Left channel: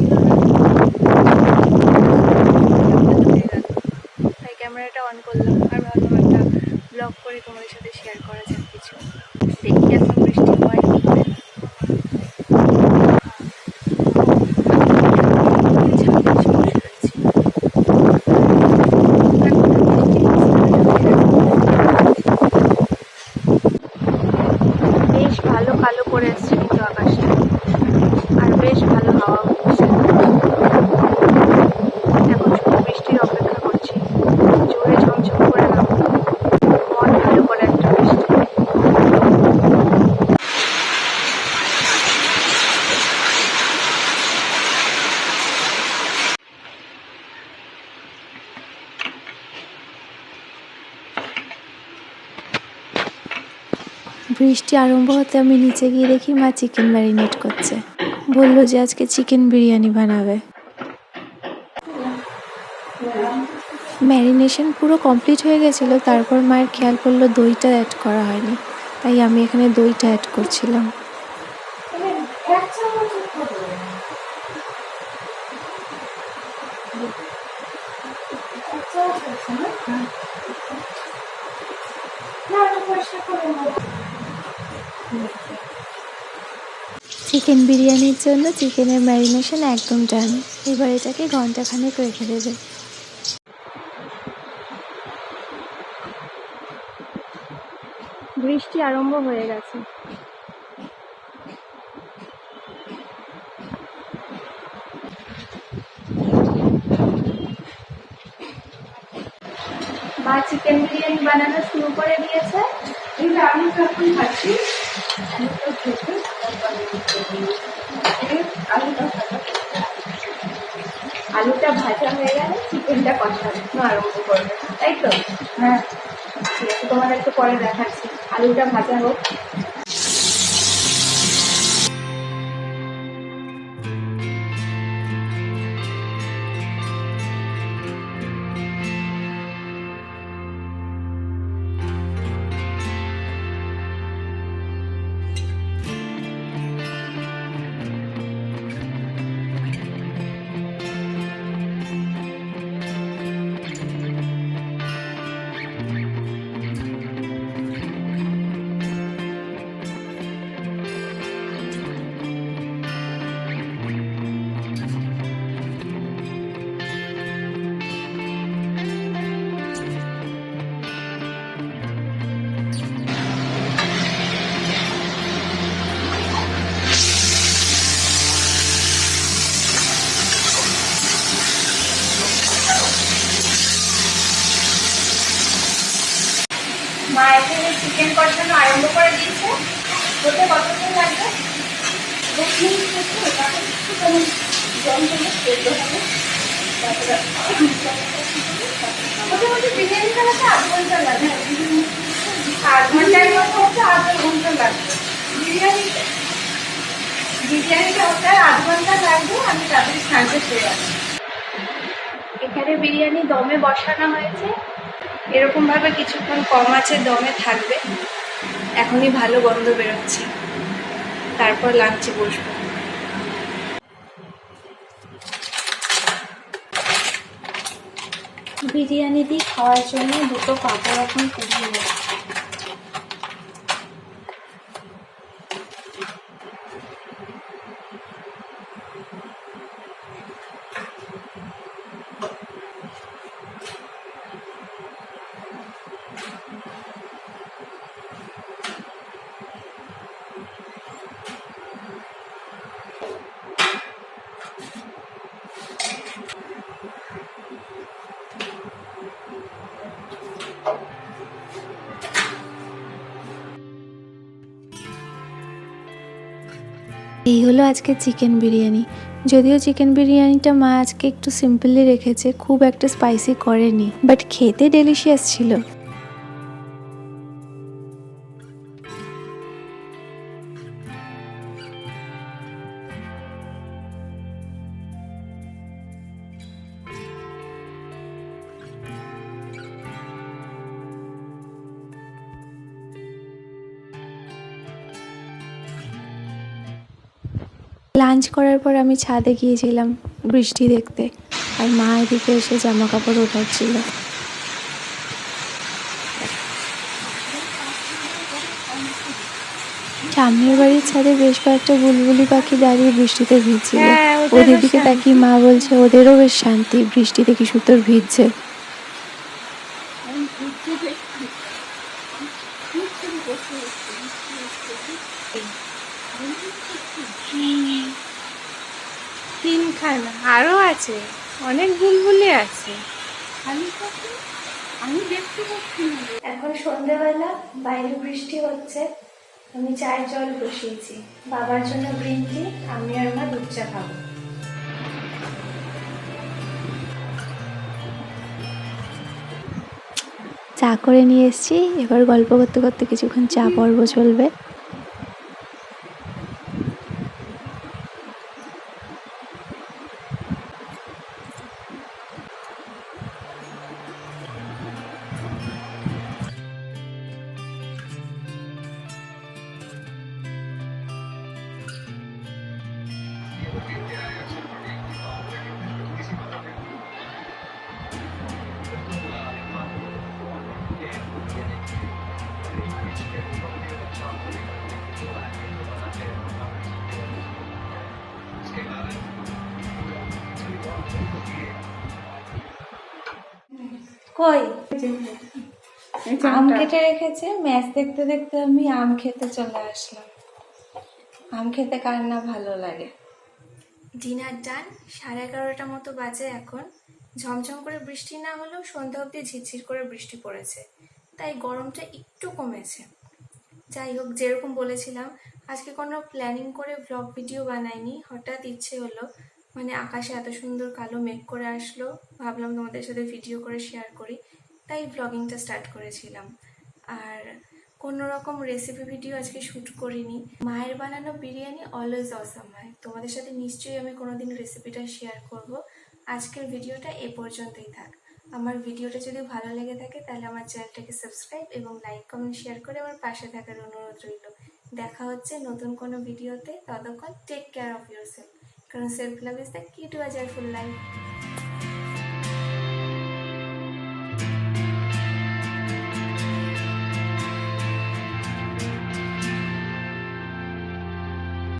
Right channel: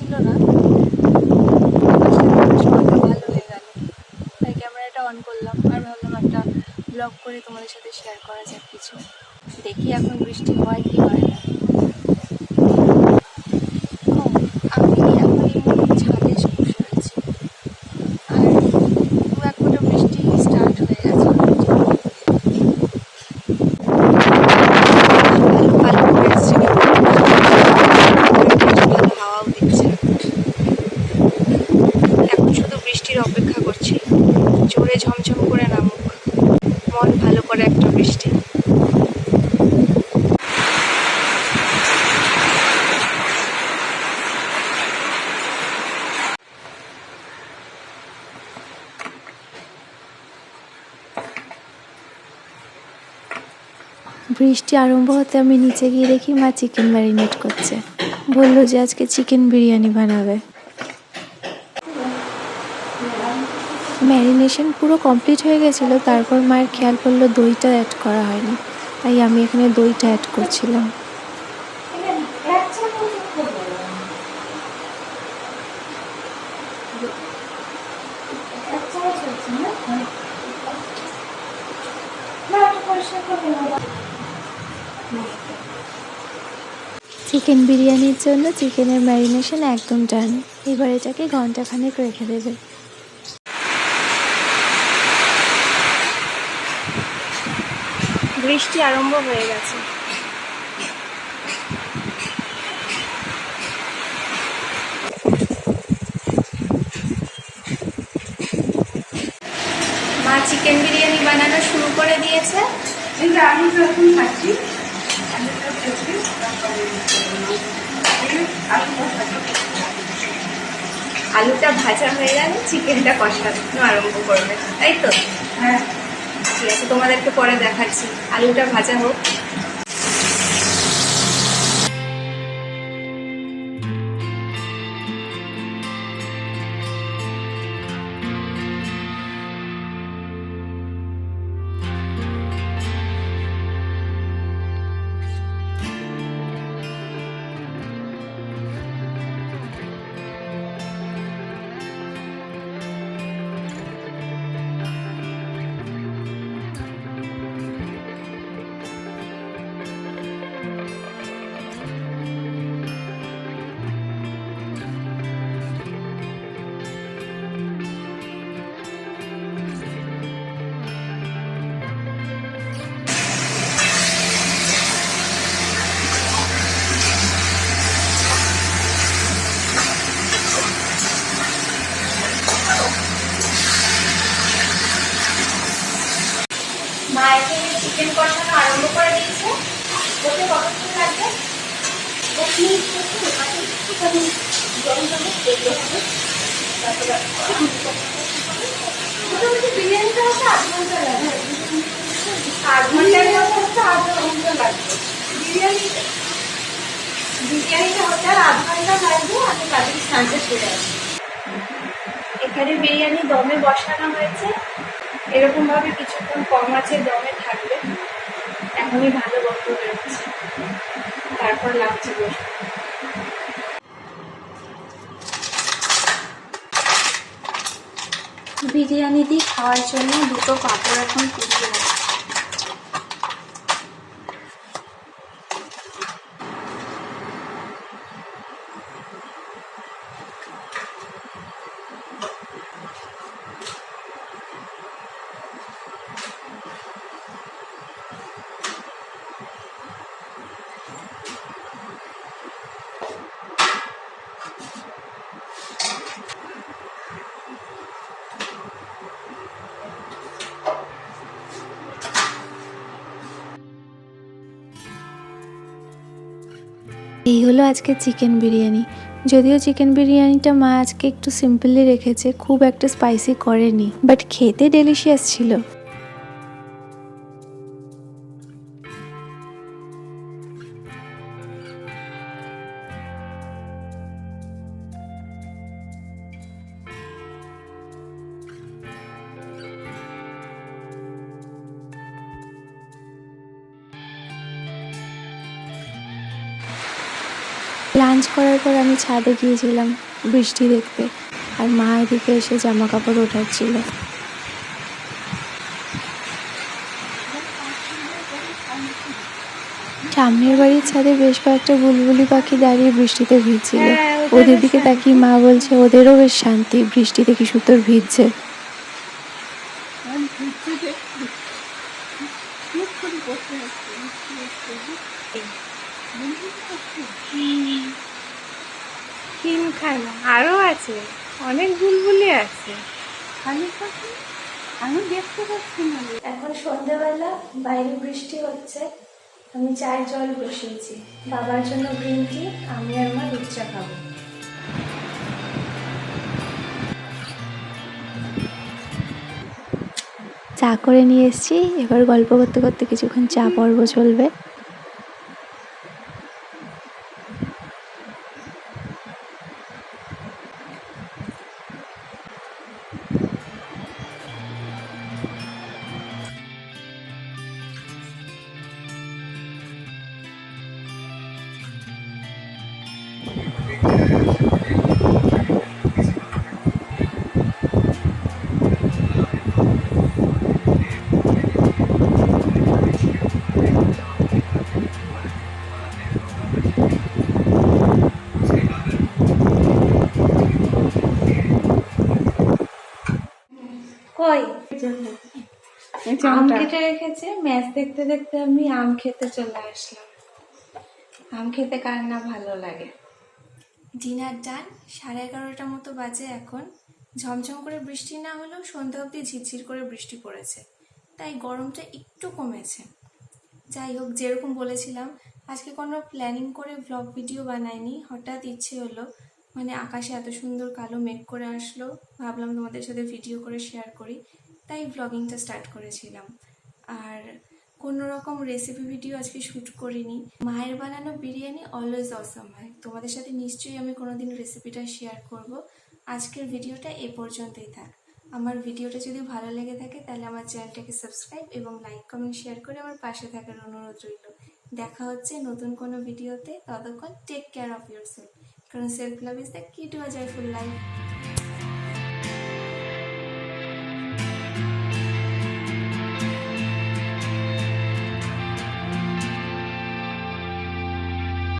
ছিল না তাই ক্যামেরাটা অন করলাম। আর ভাবলাম একটা ব্লগ করে, তোমাদের সাথে শেয়ার করা যাক কিছু। দেখি এখন বৃষ্টি হয় কি হয় না। অপেক্ষা করছি। জোরে ঝমঝম করে নামুক মন ভালো করে একটা বৃষ্টি বৃষ্টি আরম্ভ হতে আমি নিচে গিয়ে দেখি মা চিকেন ম্যারিনেট করছে। বলল যে আজকে চিকেন বিরিয়ানি বানাবে। ম্যারিনেশন পুরো কমপ্লিট হয়ে গেছিল, তারপর মায়ের খেয়াল করল দইটা অ্যাড করা হয়নি। তাই আমি এখানে দইটা অ্যাড করছিলাম। চিকেন বিরিয়ানির জন্য চিকেনের ম্যারিনেশন একদম ডান এবার এটাকে ঘন্টাখানেক রেখে দেবে। বৃষ্টি আরম্ভ হয়ে গেছে। মা চিকেন বিরিয়ানি বানানো শুরু করে দিয়েছে। যে আমি যখন খাচ্ছি আলু ভর্তাটা আলুটা ভাজা হয়ে গেলে চিকেনটা কষানো আরম্ভ করবে তাই তো? হ্যাঁ। ঠিক আছে তোমাদেরকে পরে দেখাচ্ছি। আলুটা ভাজা হোক। মা এখানে চিকেন কষানো আরম্ভ করে দিয়েছে। ওতে কতক্ষণ লাগবে? দশ মিনিট করতে তাতে একটুখানি জল জলে সেদ্ধ হবে। তারপরে বিরিয়ানিটা হতে আধ ঘণ্টা লাগে। আধ ঘণ্টার মতো হচ্ছে আধ ঘণ্টা লাগবে। বিরিয়ানি বিরিয়ানিটা হতে আধ ঘণ্টা লাগবে, আমি তাড়াতাড়ি সাঁজে ফিরে আসি এখানে বিরিয়ানি দমে বসানো হয়েছে। এরকম ভাবে কিছুক্ষণ কম আছে, দমে থাকবে। এখনই ভালো গন্ধ বেরোচ্ছে। তারপর লাঞ্চে বসবো। বিরিয়ানি দিয়ে খাওয়ার জন্য দুটো কাপড় এখন পুড়িয়ে রাখছি এই হলো আজকে চিকেন বিরিয়ানি। যদিও চিকেন বিরিয়ানিটা মা আজকে একটু সিম্পলি রেখেছে, খুব একটা স্পাইসি করেনি বাট খেতে ডেলিশিয়াস ছিল। লাঞ্চ করার পর আমি ছাদে গিয়েছিলাম বৃষ্টি দেখতে। আর মা এদিকে এসে জামা কাপড় ওঠাচ্ছিল। সামনের বাড়ির ছাদে বেশ কয়েকটা বুলবুলি পাখি দাঁড়িয়ে বৃষ্টিতে ভিজছিল। হ্যাঁ, ওদের দিকে তাকিয়ে মা বলছে ওদেরও বেশ শান্তি বৃষ্টিতে কি সুতোর ভিজছে? তিনখানা আরও আছে অনেক বুলবুলি আছে। আমি আমি দেখতে পাচ্ছি এখন সন্ধেবেলা বাইরে বৃষ্টি হচ্ছে আমি চায়ের জল বসিয়েছি। বাবার জন্য গ্রিন টি আমি আর মা দুধ চা খাব। চা করে নিয়ে এসেছি এবার গল্প করতে করতে কিছুক্ষণ চা পর্ব চলবে। কই আম কেটে রেখেছে ম্যাচ দেখতে দেখতে আমি আম খেতে চলে আসলাম। আম খেতে কার না ভালো লাগে? ডিনার ডান সাড়ে এগারোটা মতো বাজে এখন। ঝমঝম করে বৃষ্টি না হলেও সন্ধ্যা অবধি ঝিরঝির করে বৃষ্টি পড়েছে তাই গরমটা একটু কমেছে। যাই হোক যেরকম বলেছিলাম আজকে কোনো প্ল্যানিং করে ব্লগ ভিডিও বানাইনি হঠাৎ ইচ্ছে হলো মানে আকাশে এত সুন্দর কালো মেঘ করে আসলো। ভাবলাম তোমাদের সাথে ভিডিও করে শেয়ার করি। তাই ব্লগিংটা স্টার্ট করেছিলাম। আর কোনো রকম রেসিপি ভিডিও আজকে শ্যুট করিনি। মায়ের বানানো বিরিয়ানি অলওয়েজ অসম হয়। তোমাদের সাথে নিশ্চয়ই আমি কোনোদিন রেসিপিটা শেয়ার করব। আজকের ভিডিওটা এ পর্যন্তই থাক। আমার ভিডিওটা যদি ভালো লেগে থাকে, তাহলে আমার চ্যানেলটাকে সাবস্ক্রাইব এবং লাইক কমেন্ট শেয়ার করে আমার পাশে থাকার অনুরোধ রইল। দেখা হচ্ছে নতুন কোনো ভিডিওতে ততক্ষণ take care of yourself কারণ self love is the key to a joyful life